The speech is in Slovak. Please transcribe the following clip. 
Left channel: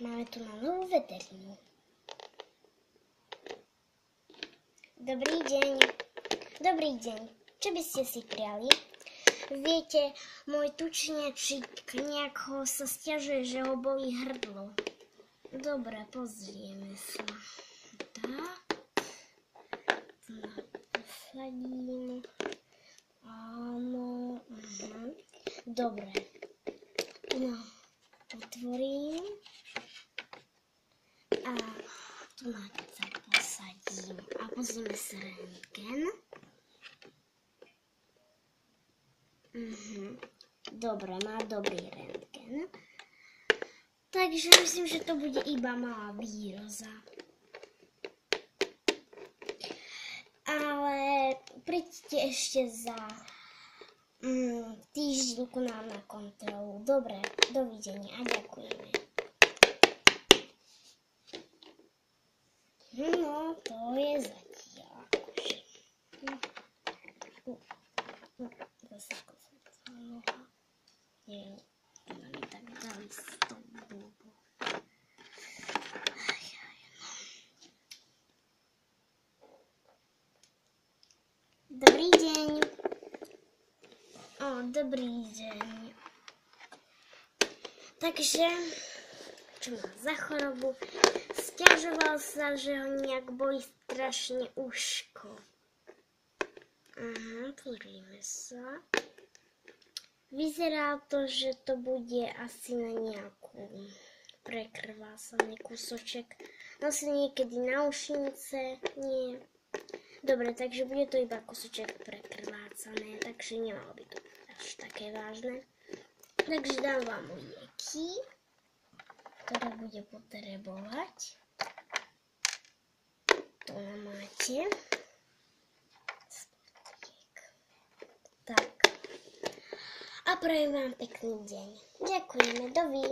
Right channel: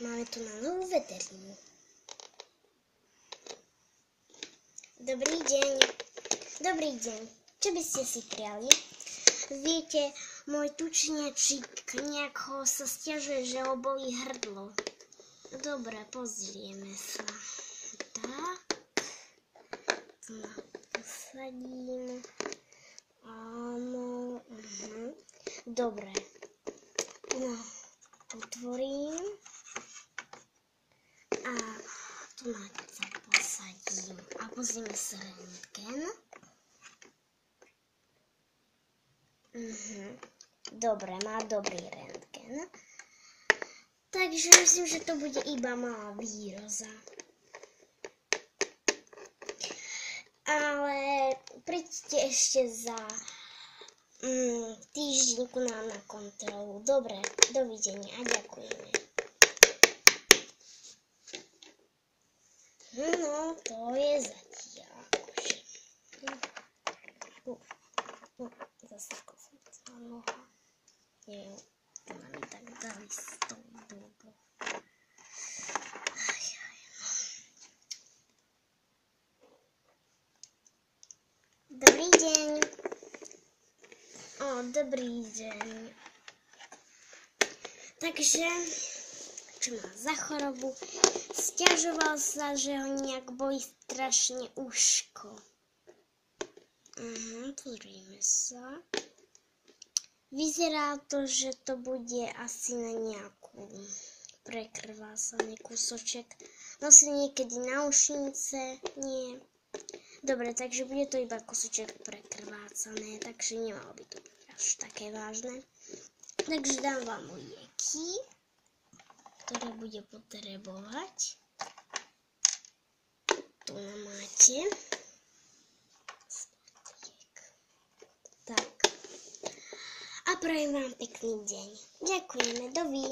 máme tu na novú veterinu. Dobrý deň. Dobrý deň. Čo by ste si priali? Viete, môj tučniačik nejako sa sťažuje, že ho bolí hrdlo. Dobre, pozrieme sa. Tak. Tu posadím. Áno. Dobre. No, otvorím. A tu na sa posadím. A pozrieme sa rentgen. Dobre, má dobrý rentgen. Takže myslím, že to bude iba malá výroza. Ale príďte ešte za týždeň ku nám na kontrolu. Dobre, dovidenia a ďakujeme. No, to je zatiaľ. Zase kozacá noha. Neviem, to ma mi tak dali s tou blbou. Dobrý deň. Dobrý deň. Takže, čo má za chorobu? Sťažoval sa, že ho nejak bolí strašne uško. Pozrime sa. Vyzerá to, že to bude asi na nejakú prekrvásaný kúsoček. Asi niekedy na ušnice, nie. Dobre, takže bude to iba kúsoček prekrvácané, takže nemalo by to byť až také vážne. Takže dám vám lieky, ktoré bude potrebovať. Tu máte. Tak. A prajem vám pekný deň. Ďakujeme, dovi.